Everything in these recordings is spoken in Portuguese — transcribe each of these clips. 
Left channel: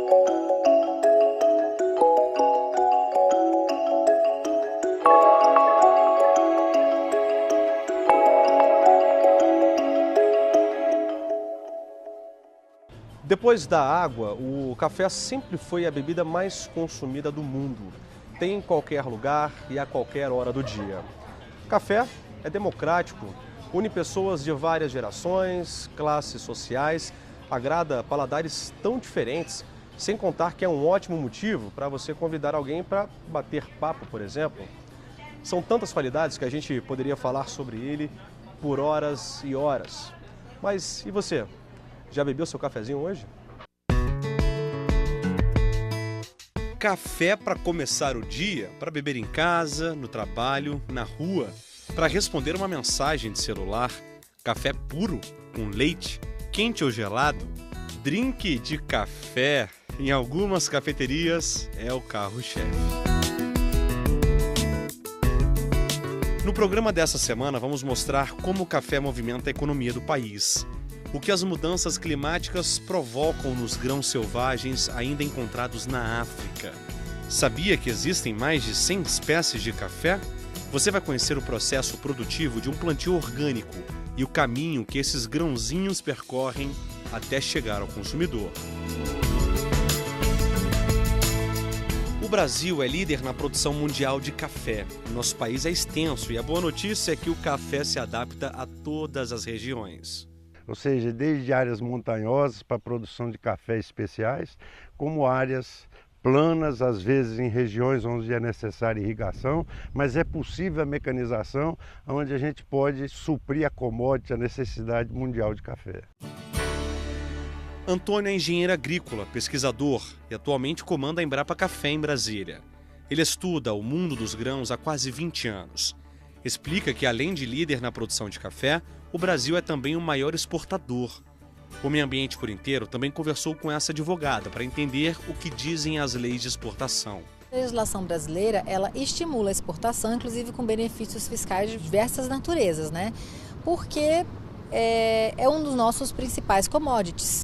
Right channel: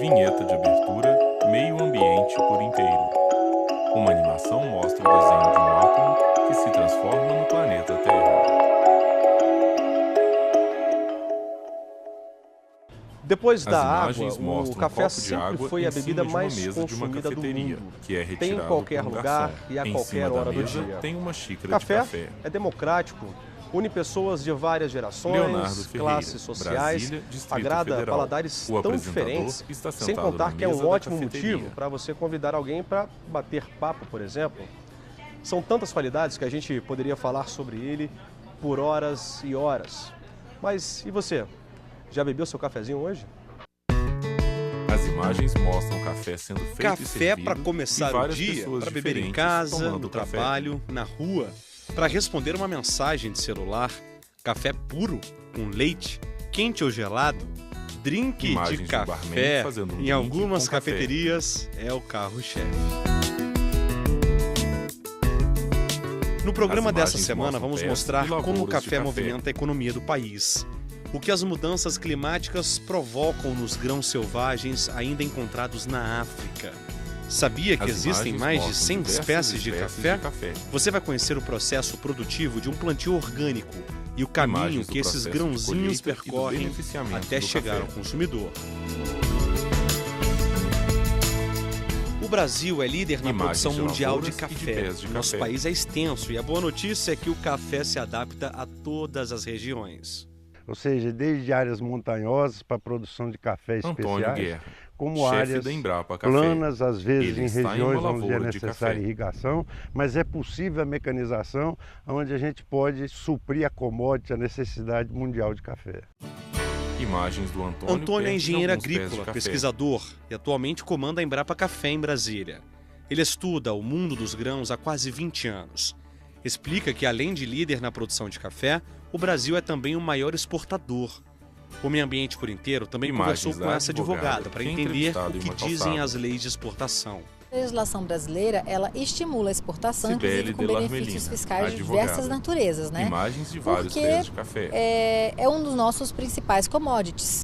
Vinheta de abertura, meio ambiente por inteiro. Uma animação mostra o desenho de um átomo que se transforma no planeta Terra. Depois da água, Imagens o mostram café um copo de sempre água foi em a bebida cima de uma mais mesa de uma consumida do cafeteria, mundo. que é Tem em retirado qualquer por um lugar garçom. e a Em qualquer cima da hora do mesa dia. tem uma xícara Café de café. é democrático, une pessoas de várias gerações, Leonardo Ferreira, classes sociais, Brasília, Distrito agrada Federal. paladares O tão apresentador diferentes, está sem sentado contar na que é mesa um da ótimo cafeteria. motivo para você convidar alguém para bater papo, por exemplo. São tantas qualidades que a gente poderia falar sobre ele por horas e horas. Mas e você? Já bebeu seu cafezinho hoje? As imagens mostram café sendo feito e Café servido para começar e o várias dia, pessoas para beber em diferentes casa, tomando no café. trabalho, na rua, para responder uma mensagem de celular, café puro, com leite, quente ou gelado, drink Imagens de do barman café, fazendo um em drink algumas com café. cafeterias é o carro-chefe. No programa As dessa imagens semana mostram vamos pés mostrar e como o lavouras de café café. movimenta a economia do país. O que as mudanças climáticas provocam nos grãos selvagens ainda encontrados na África. Sabia que As existem imagens mais de mostram 100 diversas espécies de café? café. Você vai conhecer o processo produtivo de um plantio orgânico e o caminho Imagens do que esses processo de grãozinhos colheita e do percorrem beneficiamento até do chegar café. ao consumidor. O Brasil é líder na Imagens produção de mundial de lavouras e de café. pés de Nosso café. país é extenso e a boa notícia é que o café se adapta a todas as regiões. Ou seja, desde áreas montanhosas para a produção de café Antônio especiais, Guerra, como chefe áreas da Embrapa Café. planas, às vezes Ele em está em uma regiões onde é lavoura de necessária café. irrigação, mas é possível a mecanização, onde a gente pode suprir a commodity, a necessidade mundial de café. Imagens do Antônio Antônio é perto de engenheiro alguns pés de agrícola, café. pesquisador e atualmente comanda a Embrapa Café em Brasília. Ele estuda o mundo dos grãos há quase 20 anos. Explica que, além de líder na produção de café, o Brasil é também o maior exportador. O Meio Ambiente por Inteiro também Imagens conversou com da essa advogada advogada para que é entender entrevistada o em que uma dizem calçada. as leis de exportação. A legislação brasileira, ela estimula a exportação, Cibele inclusive com de benefícios Larmelina, fiscais de advogada. diversas naturezas, né? Imagens de vários Porque pés de café. é um dos nossos principais commodities.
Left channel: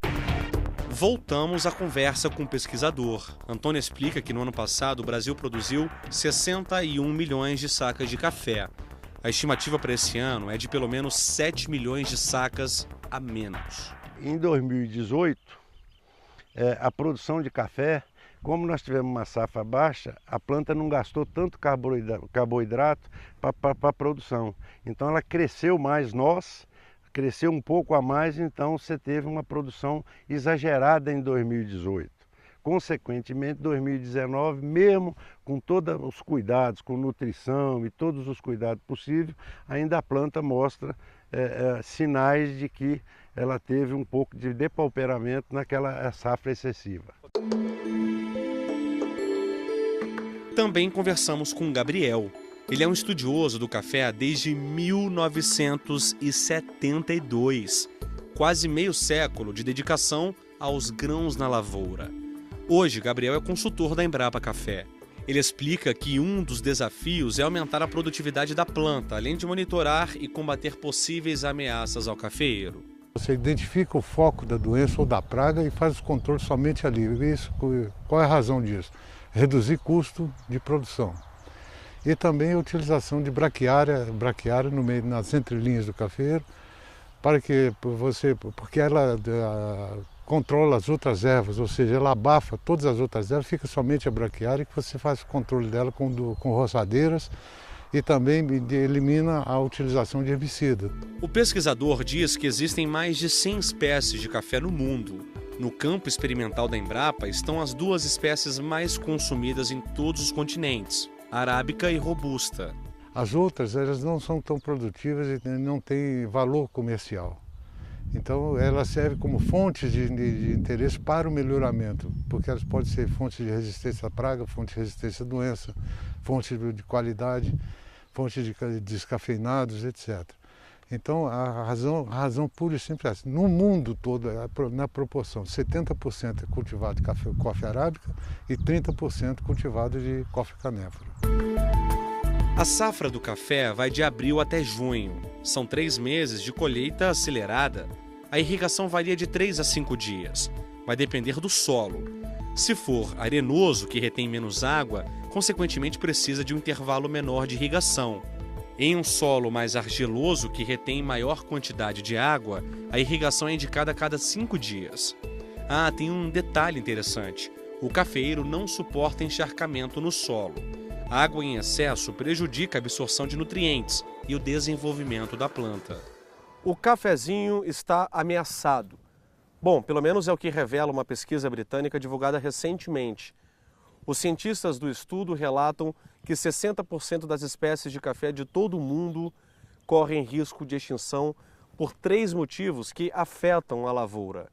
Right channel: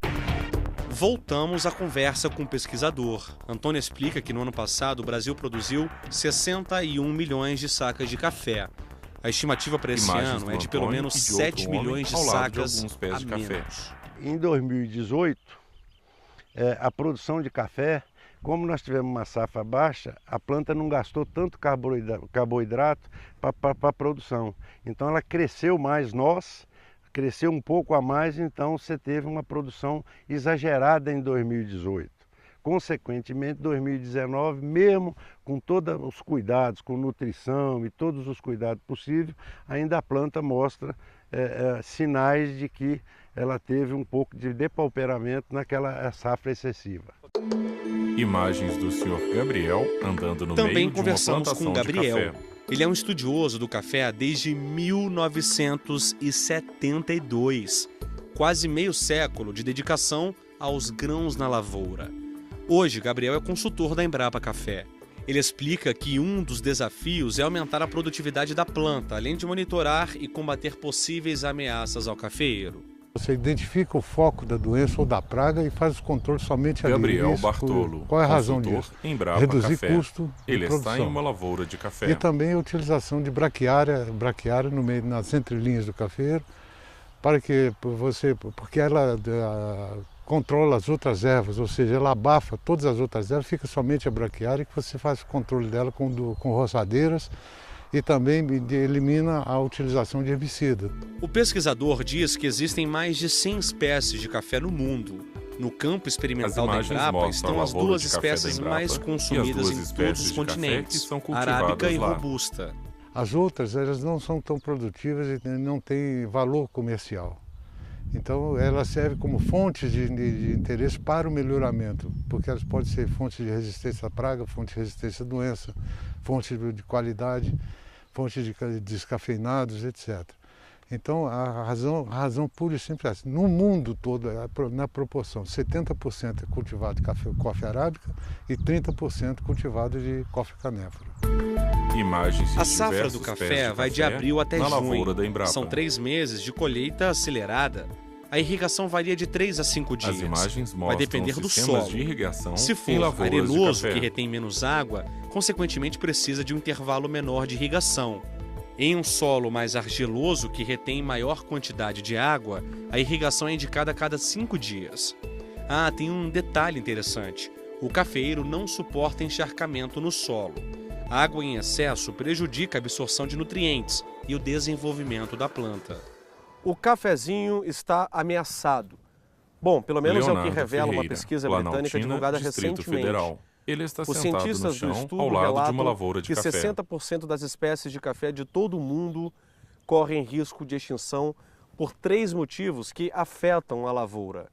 Voltamos à conversa com o pesquisador. Antônio explica que no ano passado o Brasil produziu 61 milhões de sacas de café. A estimativa para esse Imagens ano do é de pelo Antônio menos e de 7 outro homem milhões de ao lado de sacas alguns pés a de café. menos. Em 2018, a produção de café, como nós tivemos uma safra baixa, a planta não gastou tanto carboidrato para a produção. Então ela cresceu mais, cresceu um pouco a mais, então você teve uma produção exagerada em 2018. Consequentemente, 2019, mesmo com todos os cuidados, com nutrição e todos os cuidados possíveis, ainda a planta mostra sinais de que ela teve um pouco de depauperamento naquela safra excessiva. Imagens do Sr. Gabriel andando no Também meio de uma conversamos plantação com o de Gabriel. café. Ele é um estudioso do café desde 1972. Quase meio século de dedicação aos grãos na lavoura. Hoje, Gabriel é consultor da Embrapa Café. Ele explica que um dos desafios é aumentar a produtividade da planta, além de monitorar e combater possíveis ameaças ao cafeeiro. Você identifica o foco da doença ou da praga e faz os controles somente ali. Gabriel Isso, Bartolo, qual é a razão consultor disso? Embrapa Reduzir Café. custo de Ele produção. está em uma lavoura de café. E também a utilização de braquiária no meio, nas entrelinhas do cafeiro, para que porque ela controla as outras ervas, ou seja, ela abafa todas as outras ervas, fica somente a braquiária, que você faz o controle dela com roçadeiras e também elimina a utilização de herbicida. O pesquisador diz que existem mais de 100 espécies de café no mundo. No campo experimental da imagens Embrapa mostram estão a as lavoura duas de café da espécies Embrapa mais e as consumidas duas em todos espécies os de café que continentes, são cultivadas arábica e lá. robusta. As outras, elas não são tão produtivas e não têm valor comercial. Então, elas servem como fontes de interesse para o melhoramento, porque elas podem ser fontes de resistência à praga, fontes de resistência à doença, fontes de qualidade, fontes de descafeinados, etc. Então, a razão pura e simples é essa. No mundo todo, na proporção, 70% é cultivado de coffee arábica e 30% cultivado de coffee canéfora. Imagens de A safra diversos do pés café vai de abril até na junho. lavoura da Embrapa. São 3 meses de colheita acelerada. a irrigação varia de 3 a 5 As dias. imagens Vai mostram depender do sistemas solo. de irrigação Se em for lavouras de arenoso, café. que retém menos água, consequentemente precisa de um intervalo menor de irrigação. Em um solo mais argiloso, que retém maior quantidade de água, a irrigação é indicada a cada 5 dias. Ah, tem um detalhe interessante. O cafeeiro não suporta encharcamento no solo. A água em excesso prejudica a absorção de nutrientes e o desenvolvimento da planta. O cafezinho está ameaçado. Bom, pelo menos é o que Leonardo revela uma Ferreira, pesquisa Planaltina, britânica divulgada Distrito recentemente. Federal. Ele está Os sentado no cientistas do chão estudo ao lado de relatam uma lavoura de que café. 60% das espécies de café de todo o mundo correm risco de extinção por 3 motivos que afetam a lavoura:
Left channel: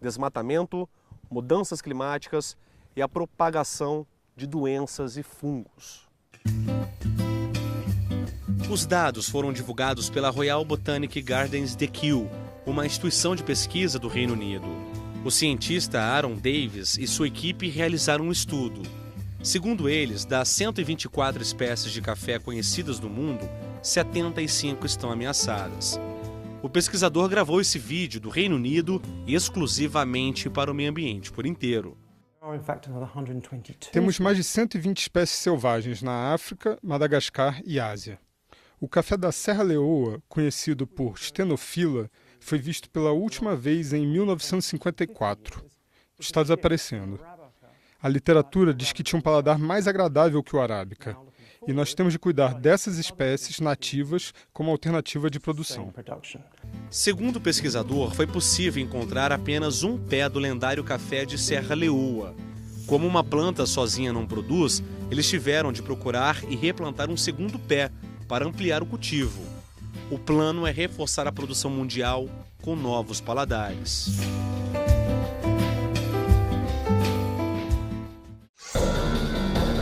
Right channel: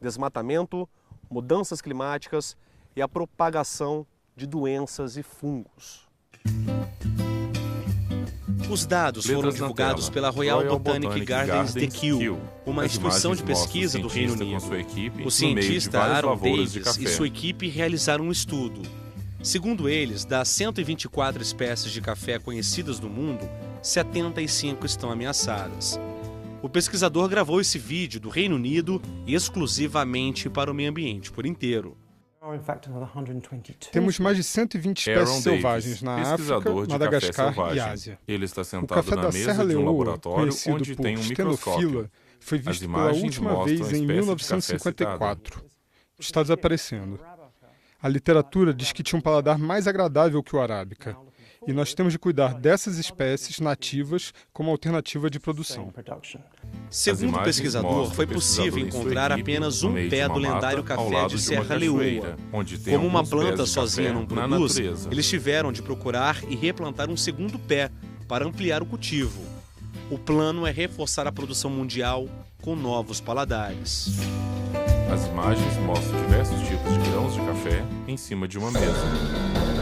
desmatamento, mudanças climáticas e a propagação de doenças e fungos. Os dados foram Letras na divulgados tela. pela Royal Botanic Gardens de Kew, Kew. uma As instituição de imagens pesquisa do mostram o Reino cientista Unido. com sua equipe O no meio de cientista várias Aaron lavouras de Davis e café. sua equipe realizaram um estudo. Segundo eles, das 124 espécies de café conhecidas no mundo, 75 estão ameaçadas. O pesquisador gravou esse vídeo do Reino Unido exclusivamente para o meio ambiente por inteiro. Temos mais de 120 Aaron espécies Davis, selvagens na África, pesquisador de Madagascar café selvagem. e Ásia. Ele está O sentado café na da mesa Serra de um Leoa, laboratório conhecido onde por tem um microscópio. Stenofila, foi As visto pela imagens última mostram vez a em espécie de café 1954. Está desaparecendo. A literatura diz que tinha um paladar mais agradável que o arábica. E nós temos de cuidar dessas espécies nativas como alternativa de produção. Segundo o imagens pesquisador, mostram foi o possível pesquisador e sua encontrar equipe apenas no um meio de pé uma do mata lendário ao café lado de de uma Serra Leoa. cachoeira, onde tem Como uma alguns pés planta de sozinha café não na produz, natureza. eles tiveram de procurar e replantar um segundo pé para ampliar o cultivo. O plano é reforçar a produção mundial com novos paladares. As imagens mostram diversos tipos de grãos de café em cima de uma mesa.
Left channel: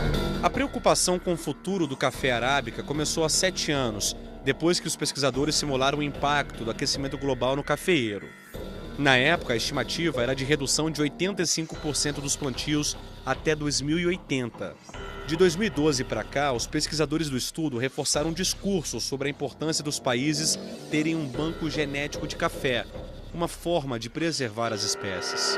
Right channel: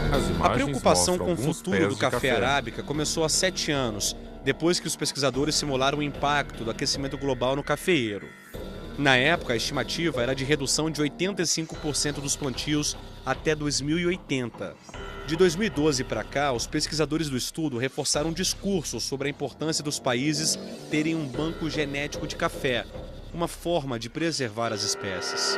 As imagens A preocupação mostram com o alguns futuro pés do de café arábica começou há 7 anos, depois que os pesquisadores simularam o impacto do aquecimento global no cafeeiro. Na época, a estimativa era de redução de 85% dos plantios até 2080. De 2012 para cá, os pesquisadores do estudo reforçaram um discurso sobre a importância dos países terem um banco genético de café, uma forma de preservar as espécies.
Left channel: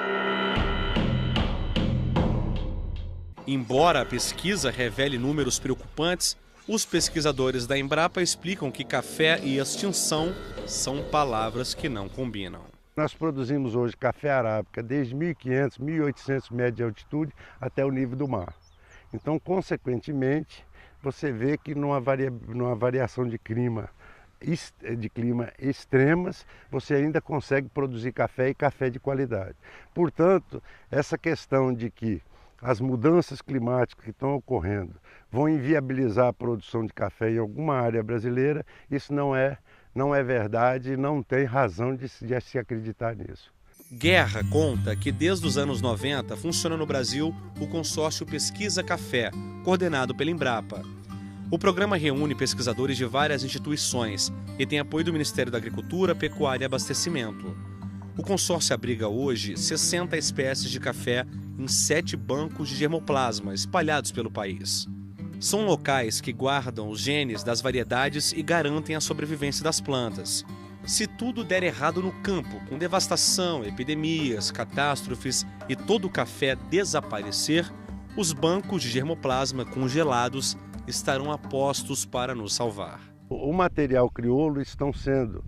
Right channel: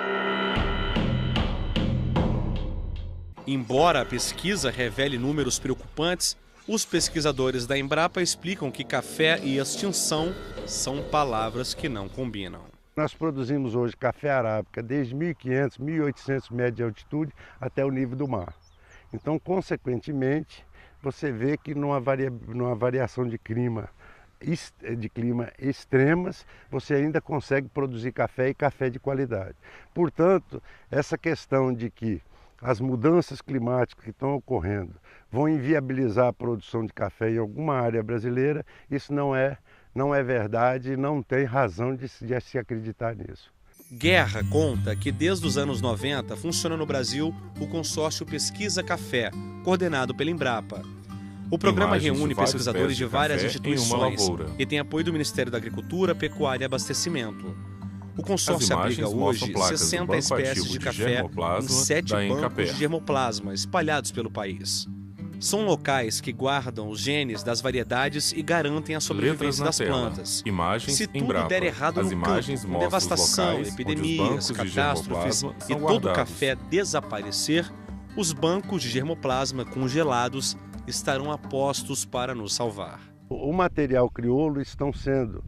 Embora a pesquisa revele números preocupantes, os pesquisadores da Embrapa explicam que café e extinção são palavras que não combinam. Nós produzimos hoje café arábica desde 1.500, 1.800 metros de altitude até o nível do mar. Então, consequentemente, você vê que numa variação de clima extremas, você ainda consegue produzir café e café de qualidade. Portanto, essa questão de que as mudanças climáticas que estão ocorrendo vão inviabilizar a produção de café em alguma área brasileira, isso não é verdade, não tem razão de se acreditar nisso. Guerra conta que desde os anos 90 funciona no Brasil o consórcio Pesquisa Café, coordenado pela Embrapa. O programa Imagens de reúne vários pesquisadores pés de de várias café em uma instituições lavoura. e tem apoio do Ministério da Agricultura, Pecuária e Abastecimento. O consórcio abriga imagens mostram hoje placas do 60 banco espécies ativo de de café em germoplasma 7 da bancos Encapé. de germoplasma espalhados pelo país. São locais que guardam os genes das variedades e garantem a Letras sobrevivência na das tela. plantas. Imagens Se tudo Embrapa. der errado As no imagens campo, mostram os devastação, locais onde os epidemias, bancos de catástrofes germoplasma e são todo o guardados. café desaparecer, os bancos de germoplasma congelados estarão a postos para nos salvar. O material crioulo estão sendo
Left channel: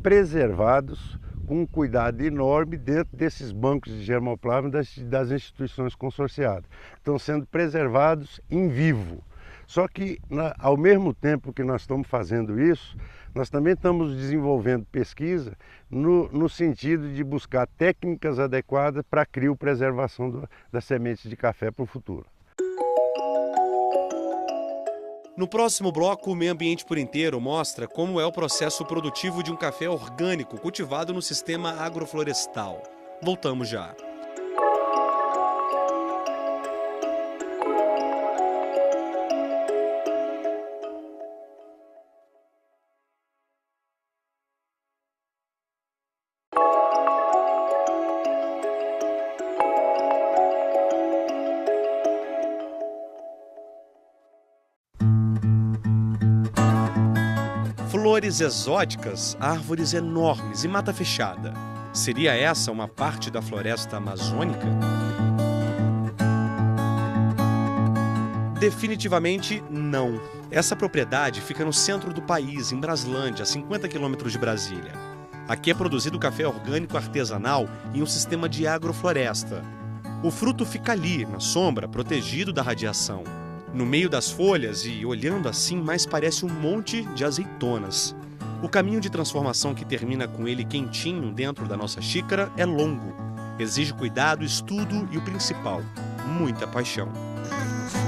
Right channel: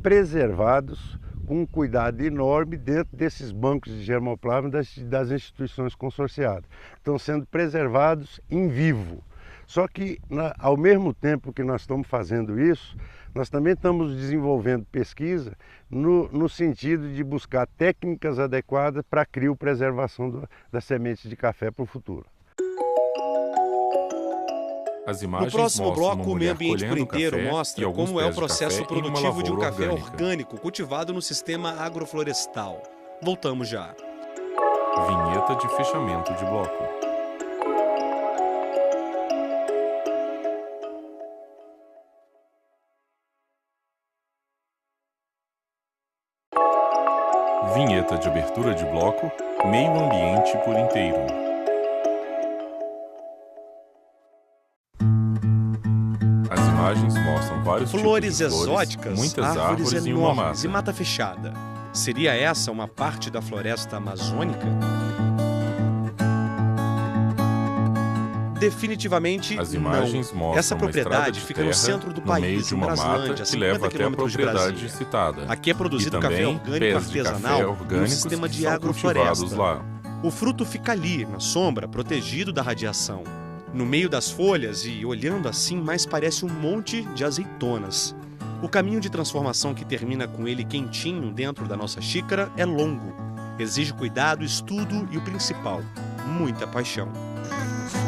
preservados com um cuidado enorme dentro desses bancos de germoplasma das instituições consorciadas. Estão sendo preservados em vivo. Só que, ao mesmo tempo que nós estamos fazendo isso, nós também estamos desenvolvendo pesquisa no sentido de buscar técnicas adequadas para a criopreservação das sementes de café para o futuro. As No imagens próximo mostram bloco, uma o meio mulher ambiente por colhendo inteiro café mostra e alguns como é o pés de processo café em uma produtivo de um lavoura café orgânica. orgânico cultivado no sistema agroflorestal. Voltamos já. Vinheta de fechamento de bloco. Vinheta de abertura de bloco, meio ambiente por inteiro. As imagens mostram vários Flores tipos de flores, exóticas, muitas árvores árvores e uma enormes mata. e mata fechada. Seria essa uma parte da floresta amazônica? Definitivamente As imagens não. mostram Essa uma propriedade estrada de fica no terra centro do no meio país, de em uma Braslândia, mata a que leva 50 até a quilômetros de propriedade Brasília. citada. Aqui é produzido E café também orgânico pés de café artesanal em um orgânicos sistema que de são cultivados agrofloresta. lá. O fruto fica ali, na sombra, protegido da radiação. No meio das folhas e, olhando assim, mais parece um monte de azeitonas. O caminho de transformação que termina com ele quentinho dentro da nossa xícara é longo. Exige cuidado, estudo e, o principal, muita paixão.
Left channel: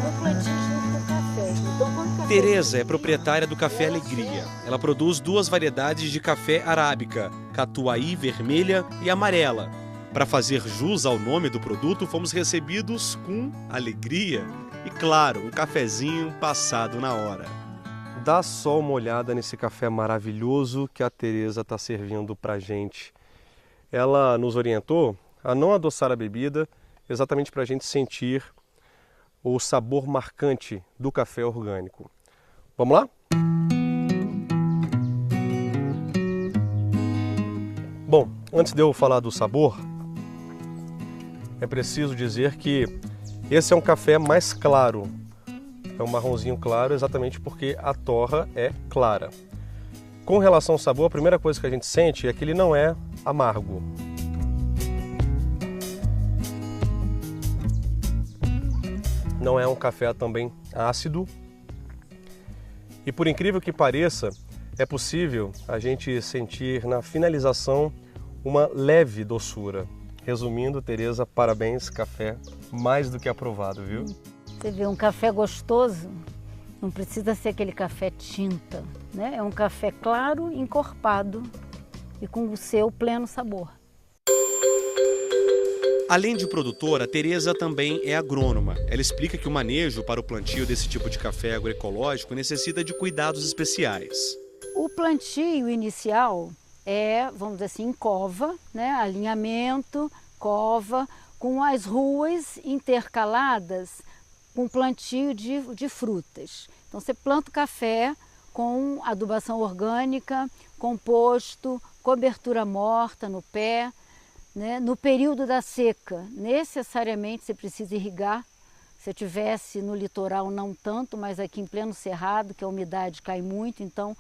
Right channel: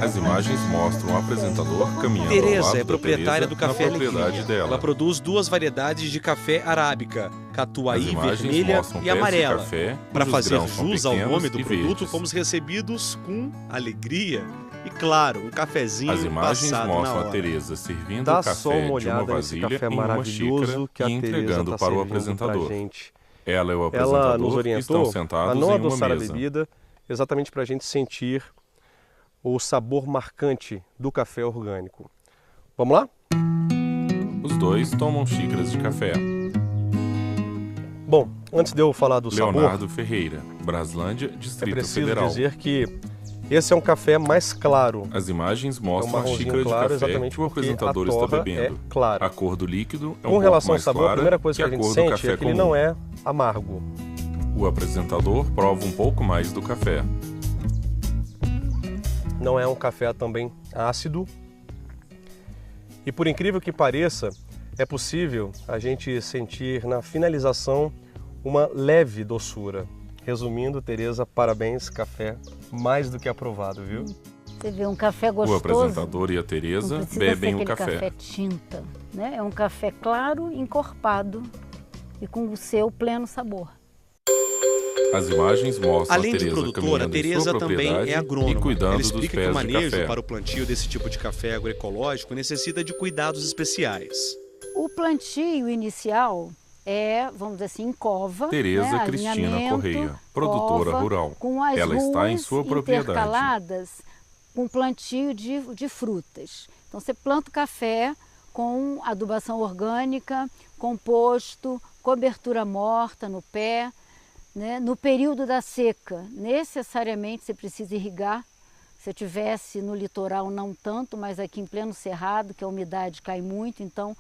As imagens mostram o apresentador caminhando ao Tereza lado é da proprietária Tereza do Café na propriedade Alegria. dela. Ela produz 2 variedades de café arábica, As catuaí imagens vermelha mostram e pés de amarela. café, Para cujos fazer grãos são jus ao pequenos nome do e produto, verdes. fomos recebidos com alegria e, claro, um cafezinho As imagens passado na mostram a hora. Tereza servindo Dá o café só uma de uma olhada nesse vasilha café em uma maravilhoso xícara que a e Tereza entregando está para o servindo pra apresentador. gente. Ela e o Ela apresentador nos estão orientou a sentados não em uma adoçar a mesa. bebida, exatamente para a gente sentir o sabor marcante do café orgânico. Vamos lá? Os dois tomam xícaras de café. Bom, antes de eu falar do sabor, Leonardo Ferreira, Braslândia, é Distrito preciso Federal. dizer que esse é um café mais claro. As imagens É um mostram a marronzinho xícara de claro, café exatamente que o porque apresentador a está torra bebendo. é clara. A cor do líquido é um Com pouco relação ao mais sabor, a clara primeira coisa que que a a gente cor do sente café é que ele comum. não é amargo. O apresentador prova um pouco mais do café. Não é um café também ácido. E por incrível que pareça, é possível a gente sentir na finalização uma leve doçura. Resumindo, Tereza, parabéns, café mais do que aprovado, viu? Você vê um café O gostoso. apresentador e a Não Tereza precisa bebem ser o aquele café. tinta, né? É um café claro, encorpado e com o seu pleno sabor. As imagens mostram Além a de Tereza produtora, a caminhando em Tereza sua também propriedade é e agrônoma. cuidando Ela dos explica que o pés de manejo café. para o plantio desse tipo de café agroecológico necessita de cuidados especiais. O plantio inicial é, vamos dizer assim, em cova, Tereza né? Cristina Alinhamento, Correia, produtora cova, rural. com as Ela está em ruas sua propriedade. intercaladas com plantio de frutas. Então você planta o café com adubação orgânica, composto, cobertura morta no pé, né? No período da seca, necessariamente você precisa irrigar. Se eu tivesse no litoral, não tanto, mas aqui em pleno cerrado, que a umidade cai muito, então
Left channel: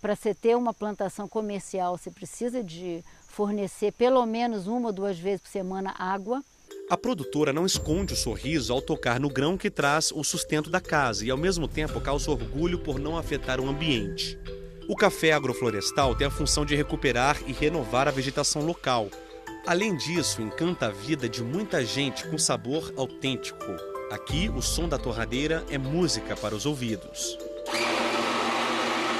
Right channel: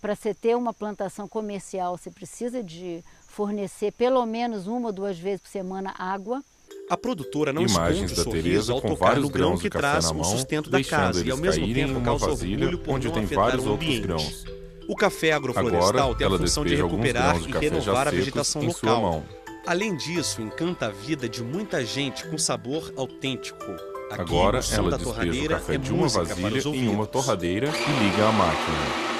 para você ter uma plantação comercial, você precisa de fornecer pelo menos 1 ou 2 vezes por semana água. A produtora não Imagens esconde o da sorriso Tereza ao com tocar vários no grão grãos que de café traz na o mão, sustento da deixando casa e eles ao mesmo caírem em tempo uma causa vasilha orgulho por onde não tem afetar vários o outros ambiente. grãos. O café agroflorestal Agora, tem a ela função de despeja alguns recuperar grãos de e café já renovar a secos vegetação em sua local. mão. Além disso, encanta a vida de muita gente com sabor autêntico. Aqui, Agora, o som ela da despeja o torradeira café é de uma música para vasilha os em uma ouvidos. torradeira e liga a máquina.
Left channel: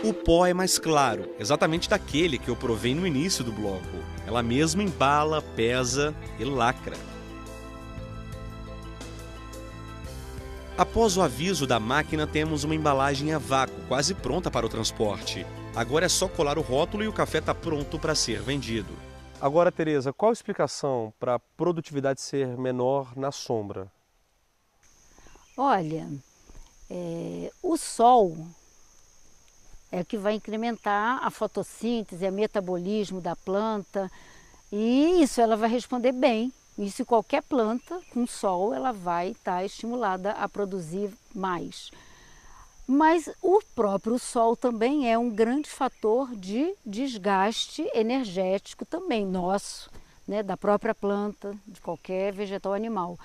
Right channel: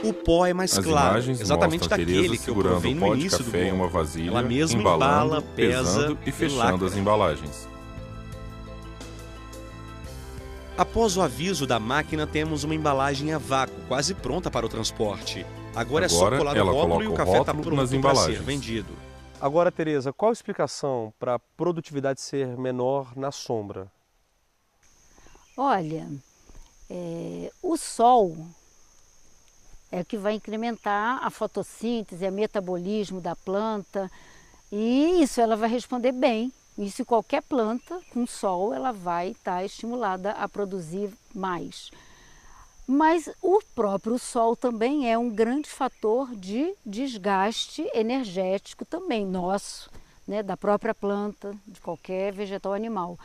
O pó é mais As claro, imagens exatamente mostram a Tereza daquele que eu segurando provei o no pó de início do café em blog. uma vasilha, Ela mesma embalando, embala, pesa pesando e e fechando lacra. as embalagens. Após o aviso da máquina, temos uma embalagem a vácuo, quase pronta para o transporte. Agora é só Agora, colar o ela rótulo e o coloca o café está rótulo nas pronto para ser embalagens. vendido. Agora, Tereza, qual a explicação para a produtividade ser menor na sombra? Olha, o sol é que vai incrementar a fotossíntese, o metabolismo da planta, e isso ela vai responder bem. Isso qualquer planta com sol ela vai estar estimulada a produzir mais. Mas o próprio sol também é um grande fator de desgaste energético também nosso, né, da própria planta, de qualquer vegetal animal.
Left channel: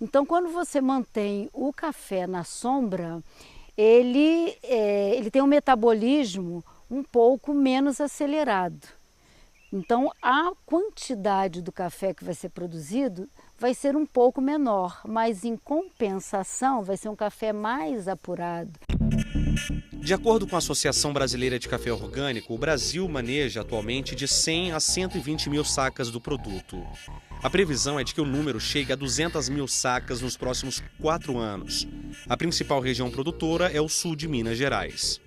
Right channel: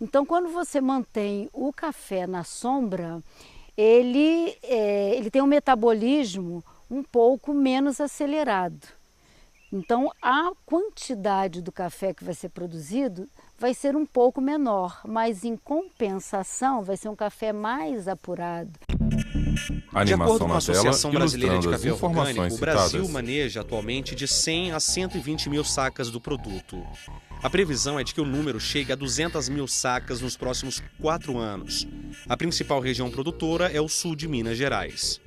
Então, quando você mantém o café na sombra, ele tem um metabolismo um pouco menos acelerado. Então, a quantidade do café que vai ser produzido vai ser um pouco menor, mas em compensação vai ser um café mais apurado. A De acordo animação com a na Associação tela Brasileira de ilustrando as Café informações Orgânico, o Brasil citadas. maneja atualmente de 100 a 120 mil sacas do produto. A previsão é de que o número chegue a 200 mil sacas nos próximos 4 anos. A principal região produtora é o sul de Minas Gerais.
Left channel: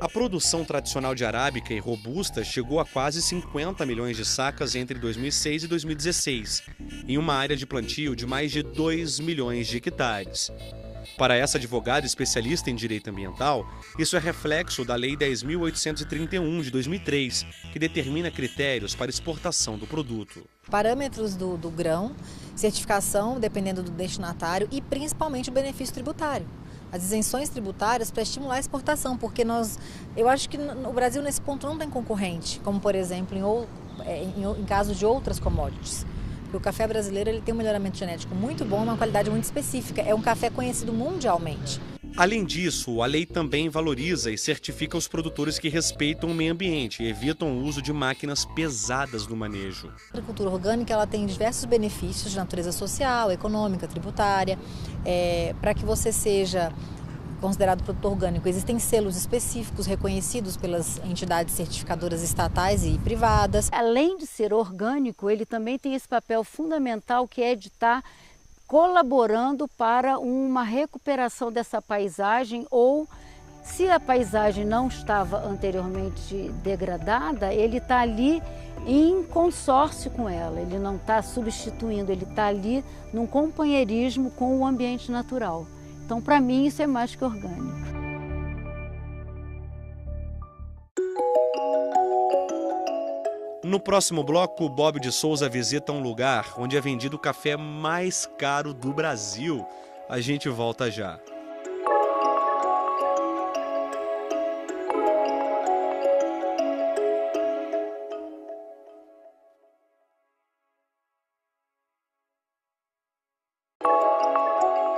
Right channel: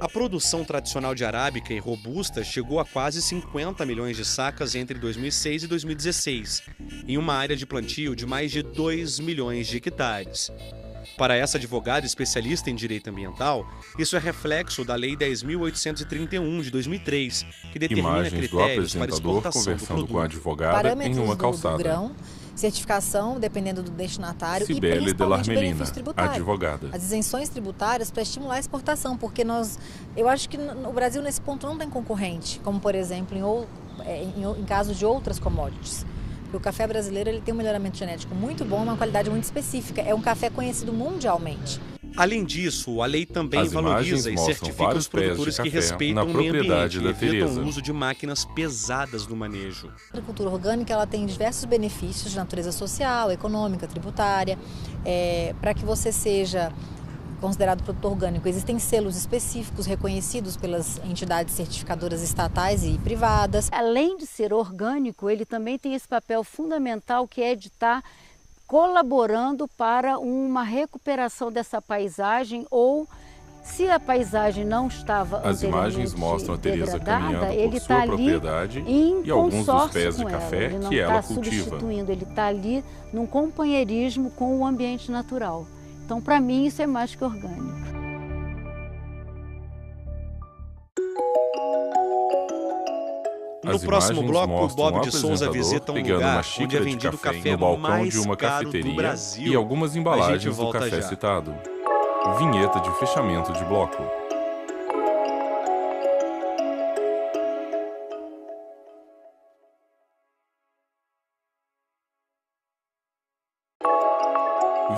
A produção tradicional de arábica e robusta chegou a quase 50 milhões de sacas entre 2006 e 2016, em uma área de plantio de mais de 2 milhões de hectares. Para essa advogada especialista em direito ambiental, isso é reflexo da Lei 10.831 de 2003, que determina Imagens do critérios para apresentador exportação do conversando com a produto. advogada em Parâmetros uma do calçada. grão, certificação, dependendo do destinatário, e Cibele principalmente Delarmelina, benefício tributário. advogada. As isenções tributárias para estimular a exportação, porque eu acho que o Brasil nesse ponto não tem concorrente, como por exemplo em casos de outras commodities. O café brasileiro ele tem um melhoramento genético muito bom, uma qualidade muito específica. É um café conhecido mundialmente. Além disso, a lei também As valoriza imagens e mostram certifica vários os produtores pés de que café respeitam na o meio propriedade ambiente da e evitam Tereza. o uso de máquinas pesadas no manejo. A agricultura orgânica ela tem diversos benefícios de natureza social, econômica, tributária. Para que você seja considerado produto orgânico, existem selos específicos reconhecidos pelas entidades certificadoras estatais e privadas. Além de ser orgânico, ele também tem esse papel fundamental que é de estar colaborando para uma recuperação dessa paisagem ou se a paisagem não estava As imagens anteriormente mostram a Tereza degradada, caminhando por ele sua está ali propriedade em e alguns dos consórcio pés de com ela. café Ele não que ela está cultiva. substituindo, ele está ali num companheirismo com o ambiente natural. Então, para mim, isso é mais que orgânico. No As próximo imagens bloco, o mostram Bob o de Souza apresentador visita um pegando lugar uma onde é xícara de vendido o café café no balcão mais de uma caro do cafeteria Brasil. e algumas A gente embalagens do volta café já. citado. Vinheta de fechamento de bloco.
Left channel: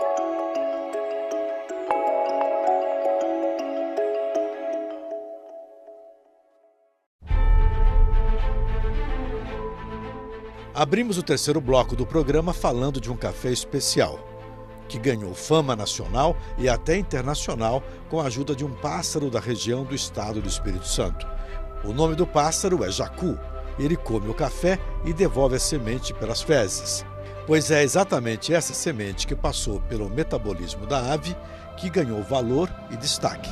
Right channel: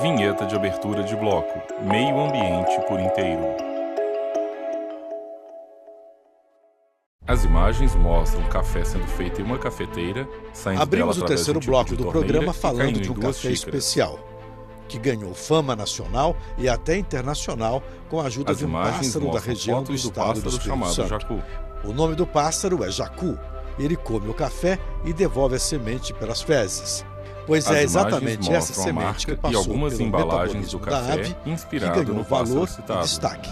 Vinheta de abertura de bloco. Meio ambiente por inteiro. As imagens mostram café sendo feito em uma cafeteira, saindo Abrimos dela o através terceiro de um bloco tipo de do torneira programa e falando caindo de em um duas café xícaras. especial, que ganhou fama nacional e até internacional com a ajuda As de um imagens pássaro da mostram região do fotos do estado do pássaro Espírito chamado Santo. jacu. O nome do pássaro é jacu. Ele come o café e devolve a semente pelas fezes. Pois As é imagens exatamente essa mostram a semente marca que e passou algumas pelo embalagens do metabolismo da café ave que inspirado ganhou no pássaro valor citado. e destaque.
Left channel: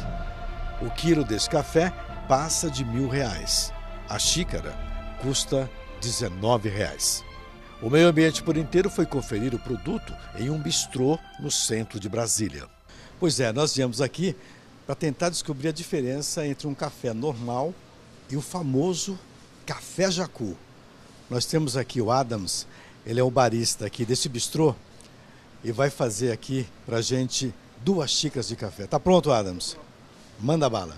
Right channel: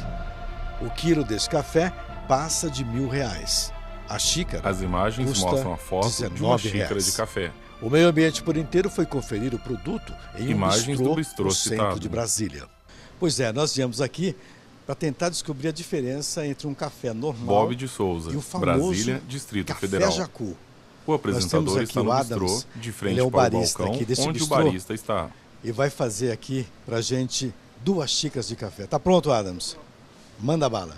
O quilo desse café passa de R$1.000. A xícara As imagens custa mostram a foto de uma R$19. xícara de café. O meio ambiente por inteiro foi conferir o produto em um Imagens do bistrô bistrô no centro citado. de Brasília. Pois é, nós viemos aqui para tentar descobrir a diferença entre um café normal Bob de Souza, e o famoso Brasília, Distrito café Federal. jacu. O apresentador aqui está o no Adams, bistrô, de frente ele é o para o barista balcão, aqui desse onde bistrô. o barista está. E vai fazer aqui pra gente 2 xícaras de café. Tá pronto, Adams? Manda bala.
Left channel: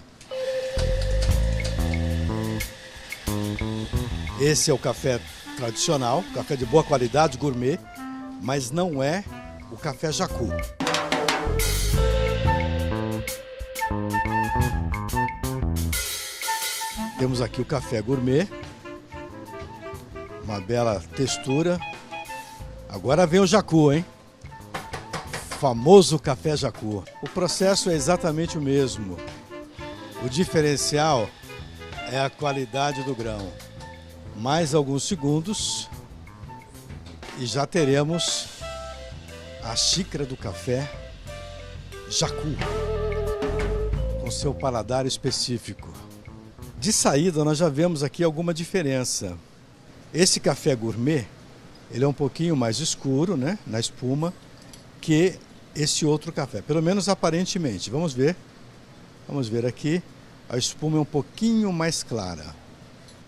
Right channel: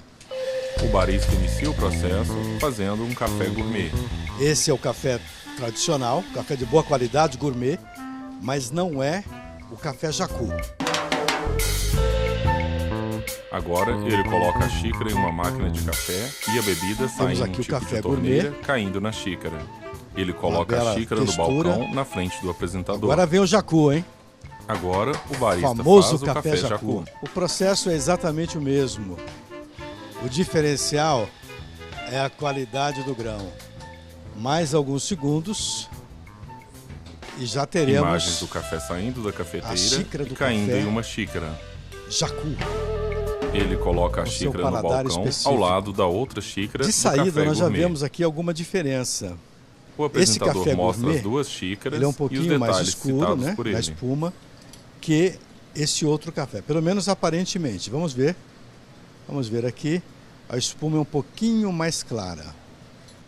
O barista inicia o processo fazendo um café gourmet. Esse é o café tradicional, café de boa qualidade, gourmet, mas não é o café jacu. Agora ele coloca a xícara em uma máquina de café e a bebida sai Temos em um aqui o tipo café de torneira gourmet. caindo na xícara. Ele coloca bela a xícara no textura. balcão na frente do apresentador. Agora vem o jacu, hein? Agora o O barista famoso faz o café jacu. O processo é exatamente o mesmo. O diferencial é a qualidade do grão. Mais alguns segundos e já Imagens teremos do café saindo da a cafeteira xícara e do caindo café. em uma xícara. jacu. Ele coloca a Com seu xícara no paladar balcão específico. ao lado da outra xícara De do saída café nós já gourmet. vemos aqui alguma diferença. O apresentador café mostra gourmet, as duas xícaras Ele é um e os pouquinho mais detalhes escuro, citados né, por na ele. espuma, que esse outro café. Pelo menos aparentemente. Vamos ver. Vamos ver aqui. A espuma é um pouquinho mais clara.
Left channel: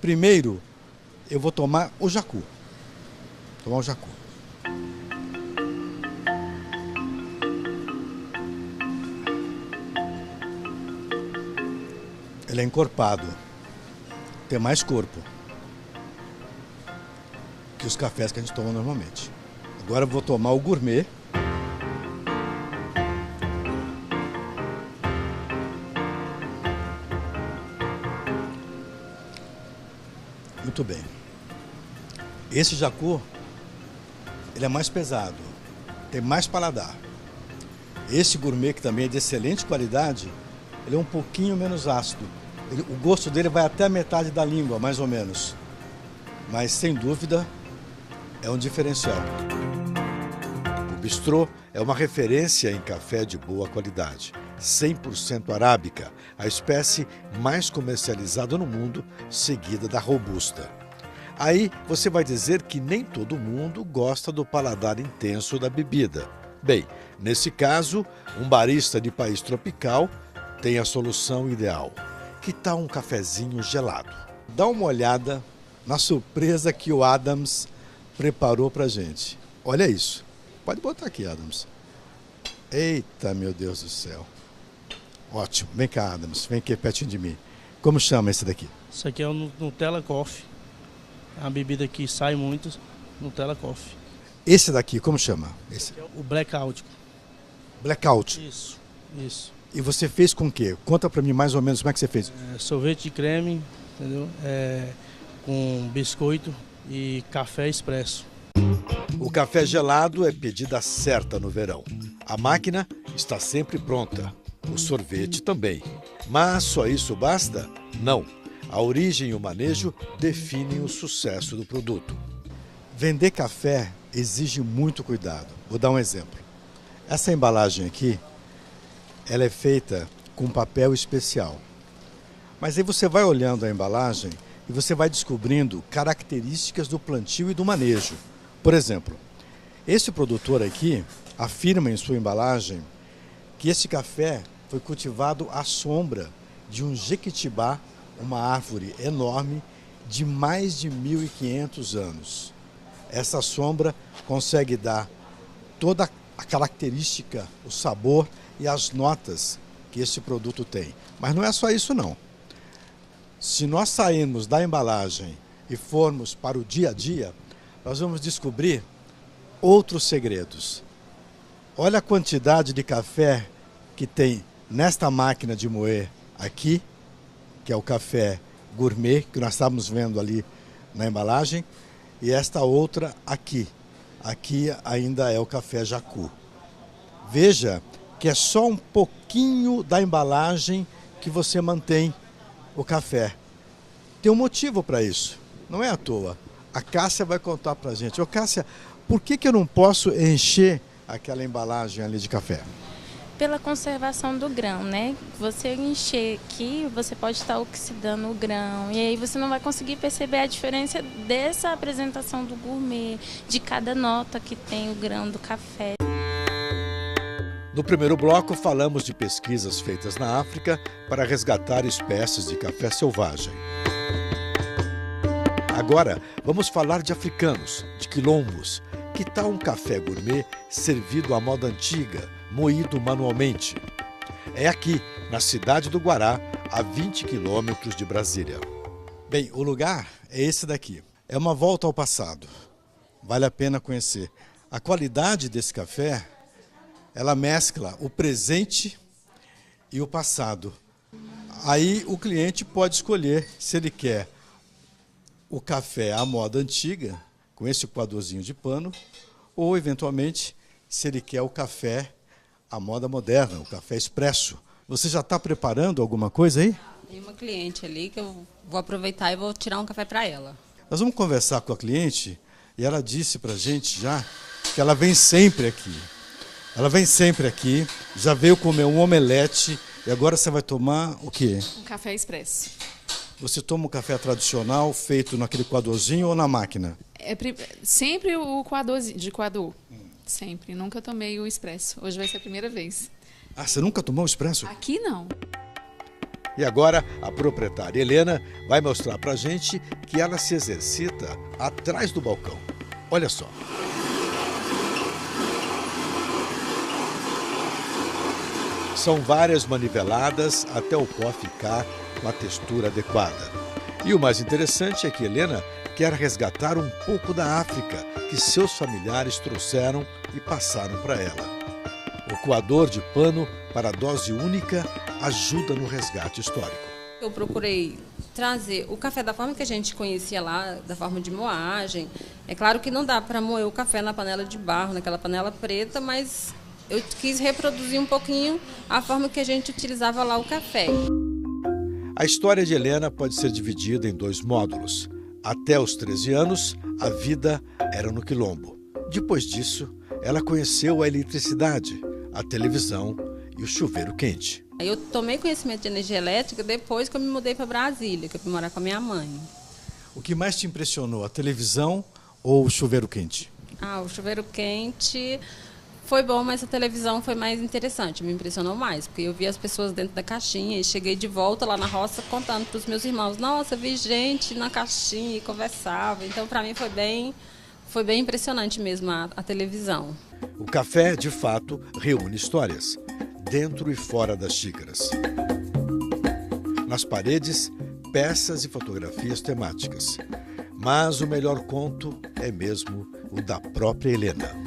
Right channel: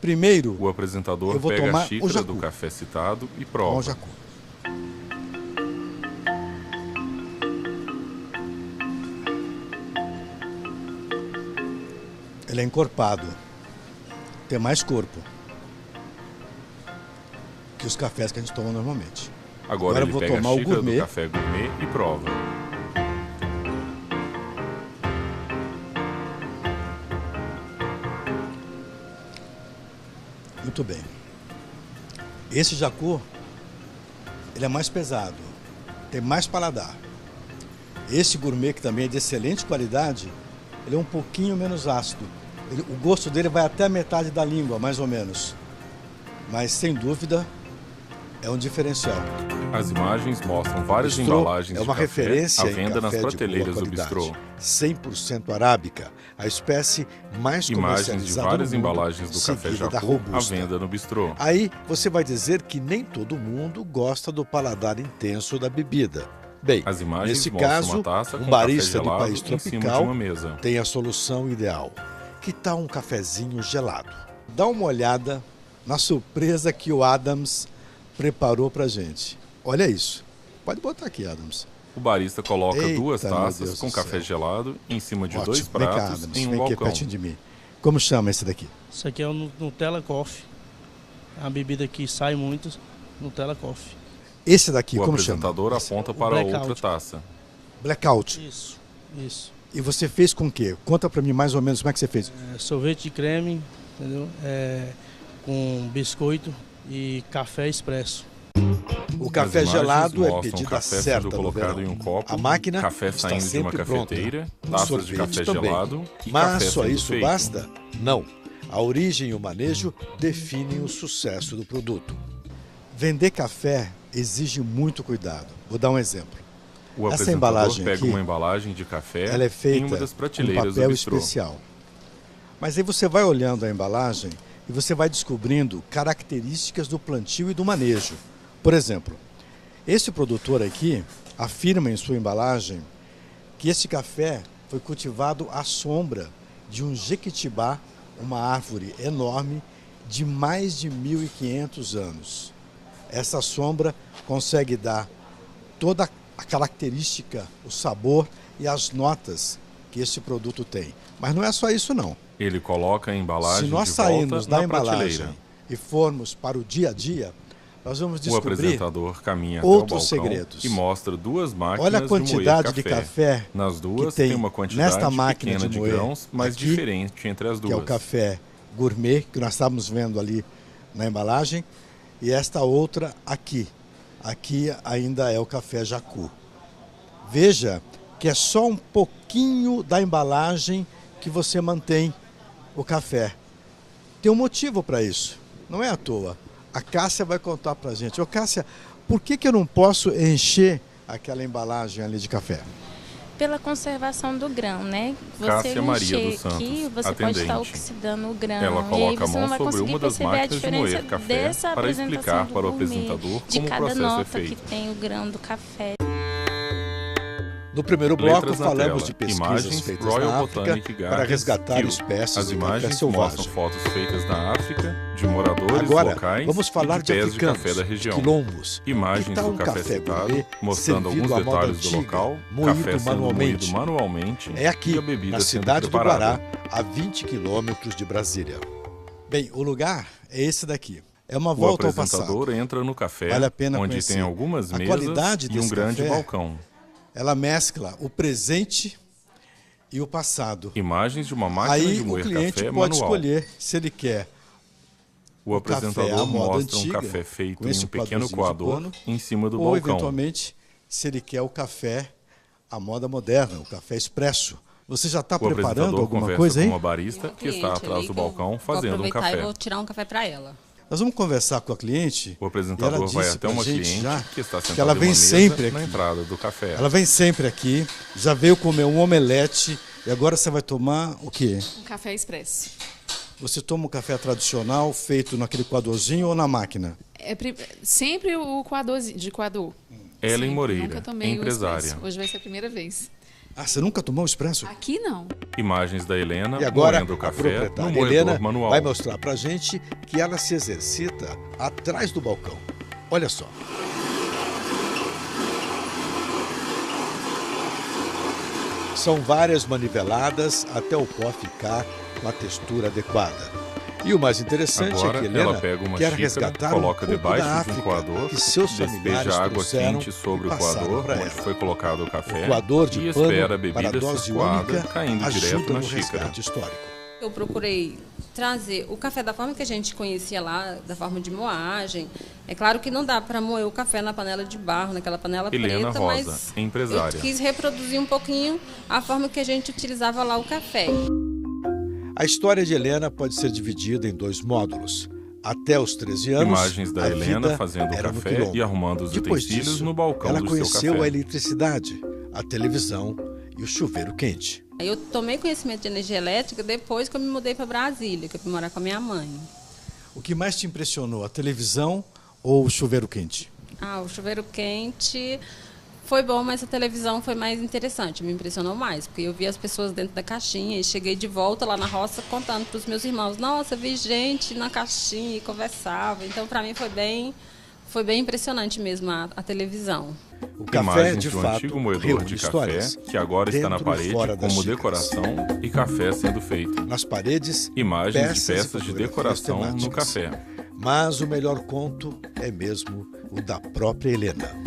Primeiro, O apresentador eu vou pega tomar a o xícara jacu. do café citado e com prova. o jacu. Ele é encorpado. Tem mais corpo que os cafés que a gente toma normalmente. Agora eu ele vou pega tomar a o xícara do gourmet. café gourmet e prova. Muito bem. Esse jacu, ele é mais pesado, tem mais paladar. Esse gourmet, que também é de excelente qualidade, ele é um pouquinho menos ácido. O gosto dele vai até a metade da língua, mais ou menos. Mas, sem dúvida, é um diferencial. As imagens mostram várias Bistrô embalagens é uma de café referência à em venda nas café de boa prateleiras do qualidade. bistrô. 100% arábica, a espécie mais Imagens de comercializada várias no mundo, embalagens do café seguida da jacu à robusta. venda no bistrô. Aí você vai dizer que nem todo mundo gosta do paladar intenso da bebida. Bem, As imagens nesse mostram caso, uma taça um com barista café do gelado país em cima de tropical uma mesa. tem a solução ideal. Que tal um cafezinho gelado? Dá uma olhada na surpresa que o Adams preparou pra gente. Olha isso. Pode botar aqui, Adams. O barista coloca Eita, duas meu taças Deus com do café céu. gelado em cima de Ótimo. dois Vem cá, pratos Adams. em um Vem aqui balcão. pertinho de mim. Como chama esse daqui? Isso aqui é o Nutella Coffee. É uma bebida que sai muito, Nutella Coffee. Esse daqui, O como chama? apresentador Esse. aponta para Blackout. outra taça. Blackout. Isso. E você fez com o quê? Conta pra mim mais ou menos como é que você fez. Sorvete de creme, entendeu? Com biscoito e café expresso. O café As imagens gelado é mostram pedida café sendo certa no colocado verão. em um copo, A máquina café está saindo de uma sempre pronta. cafeteira, O taças de sorvete café também. gelado e Mas café só sendo isso feito. basta? Não. A origem e o manejo definem o sucesso do produto. Vender café exige muito cuidado. Vou dar um exemplo. O Essa apresentador embalagem pega aqui, uma embalagem de café ela é em feita uma das com prateleiras papel do bistrô. especial. Mas aí você vai olhando a embalagem e você vai descobrindo características do plantio e do manejo. Por exemplo, esse produtor aqui afirma em sua embalagem que esse café foi cultivado à sombra de um jequitibá, uma árvore enorme de mais de 1.500 anos. Essa sombra consegue dar toda a característica, o sabor e as notas que esse produto tem. Mas não é só isso não. Ele coloca a embalagem Se nós de sairmos volta da na embalagem prateleira. e formos para o dia a dia, nós vamos O descobrir apresentador caminha até outros o balcão segredos. e mostra duas máquinas Olha a de quantidade moer de café Nas duas que tem uma quantidade nesta máquina pequena de de moer grãos, mas aqui, diferente entre as duas. que é o café gourmet, que nós estávamos vendo ali na embalagem, e esta outra aqui. Aqui ainda é o café Jacu. Veja que é só um pouquinho da embalagem que você mantém o café. Tem um motivo para isso, não é à toa. A Cássia vai contar para a gente. Ô Cássia, por que eu não posso encher aquela embalagem ali de café? Pela conservação do grão, né? Você Cássia Maria encher dos Santos, aqui, você atendente. pode estar oxidando o grão. Ela E aí coloca a você mão não vai sobre conseguir uma das perceber a máquinas de diferença moer café dessa para apresentação explicar do para o gourmet, apresentador de como o cada processo é nota feito. que tem o grão do café. No primeiro bloco, Letras na falamos tela. de pesquisas Imagens feitas Royal na África Botanic para Gardens, resgatar Kew. espécies As de café imagens selvagem. mostram fotos feitas na África, de moradores Agora, locais vamos falar e de pés africanos, de café da região. quilombos. Imagens Que tal do um café café citado, gourmet mostrando servido alguns à moda detalhes do antiga, local, moído café sendo manualmente? moído manualmente É aqui, e a bebida na sendo cidade do preparada. Pará, a 20 quilômetros de Brasília. Bem, o lugar é esse daqui. É uma O volta ao passado. apresentador entra no café, Vale a pena onde conhecer. tem algumas A mesas qualidade e um desse grande café, balcão. Ela mescla o presente e o passado. Imagens de uma máquina Aí de o moer cliente café pode manual. escolher se ele quer O café à apresentador moda mostra um antiga, café feito com em esse um pequeno quadrozinho de coador pano, em cima do ou balcão. eventualmente se ele quer o café à moda moderna, o café expresso. Você já está O preparando apresentador alguma conversa coisa aí? com uma barista que está atrás do balcão fazendo um Vou aproveitar café. e vou tirar um café para ela. Nós vamos conversar com a cliente. O e ela apresentador vai disse até pra uma gente cliente já que está que sentada ela em uma vem mesa sempre na aqui. entrada do café. Ela vem sempre aqui, já veio comer um omelete e agora você vai tomar o quê? Um café expresso. Você toma um café tradicional feito naquele coadorzinho ou na máquina? Sempre o coador, de coador. Ellen Sempre. Moreira, Nunca tomei o empresária. expresso. Hoje vai ser a primeira vez. Ah, você nunca tomou expresso? Aqui não. Imagens da Helena E agora moendo o a café no proprietária moedor Helena manual. vai mostrar pra gente que ela se exercita atrás do balcão. Olha só. São várias maniveladas até o pó ficar com a textura adequada. E o mais interessante Agora, é que ela Helena pega uma quer xícara, resgatar coloca um pouco debaixo da de um África coador, que seus familiares despeja água trouxeram quente sobre e o passaram coador pra onde ela. foi colocado o café O coador de e pano espera a para bebida dose circulada única caindo ajuda direto na no xícara. resgate histórico. Eu procurei trazer o café da forma que a gente conhecia lá, da forma de moagem. É claro que não dá para moer o café na panela de barro, naquela panela Helena preta, Rosa, mas empresária. eu quis reproduzir um pouquinho a forma que a gente utilizava lá o café. A história de Helena pode ser dividida em 2 módulos. Até os 13 anos, Imagens da a Helena vida fazendo era no café quilombo. e arrumando os Depois utensílios disso, no balcão ela do seu conheceu café. a eletricidade, a televisão e o chuveiro quente. Aí eu tomei conhecimento de energia elétrica depois que eu me mudei para Brasília, que eu fui morar com a minha mãe. O que mais te impressionou, a televisão ou o chuveiro quente? O chuveiro quente Foi bom, mas a televisão foi mais interessante, me impressionou mais, porque eu vi as pessoas dentro da caixinha e cheguei de volta lá na roça contando para os meus irmãos, nossa, vi gente na caixinha e conversava. Então, para mim, foi bem impressionante mesmo a televisão. O café, Imagens de do fato, antigo moedor reúne de café, histórias. que agora está na dentro e parede fora das como xícaras. decoração e café sendo feito. Nas paredes, Imagens peças de e peças de fotografias decoração no temáticas. café. Mas o melhor conto é mesmo o da própria Helena.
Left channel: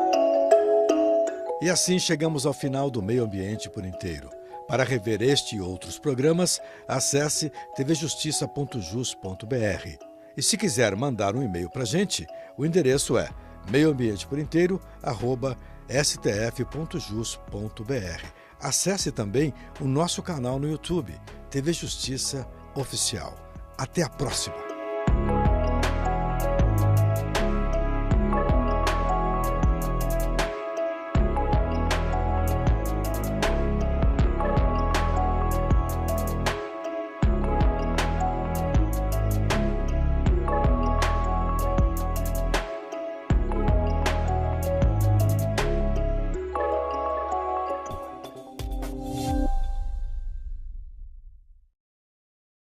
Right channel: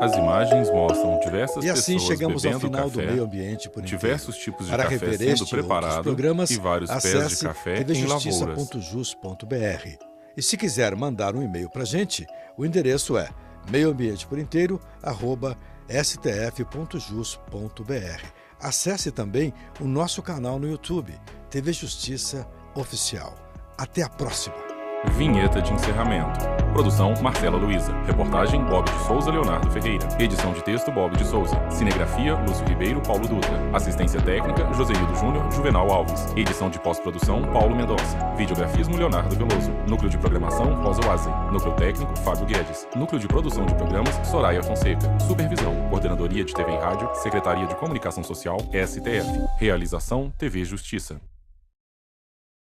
As imagens mostram diversas E assim pessoas chegamos ao bebendo final café, do Meio Ambiente por Inteiro. diversos tipos de Para café rever sendo este e outros preparado programas, e vários pés de acesse café em lavouras. tvjustiça.jus.br. E se quiser mandar um e-mail para a gente, o endereço é meioambienteporinteiro@stf.jus.br. Acesse também o nosso canal no YouTube, TV Justiça Oficial. Até a próxima! Vinheta de encerramento. Produção Marcela Luiza. Reportagem Bob de Souza, Leonardo Ferreira. Edição de texto Bob de Souza. Cinegrafia Lúcio Ribeiro, Paulo Dutra. Assistência técnica Josenildo Júnior, Juvenal Alves. Edição de pós-produção Paulo Mendonça. Videografismo Leonardo Veloso. Núcleo de programação Rosa Oazen. Núcleo técnico Fábio Guedes. Núcleo de produção de programas Soraya Fonseca. Supervisão Coordenadoria de TV e Rádio, Secretaria de Comunicação Social, STF. Realização TV Justiça.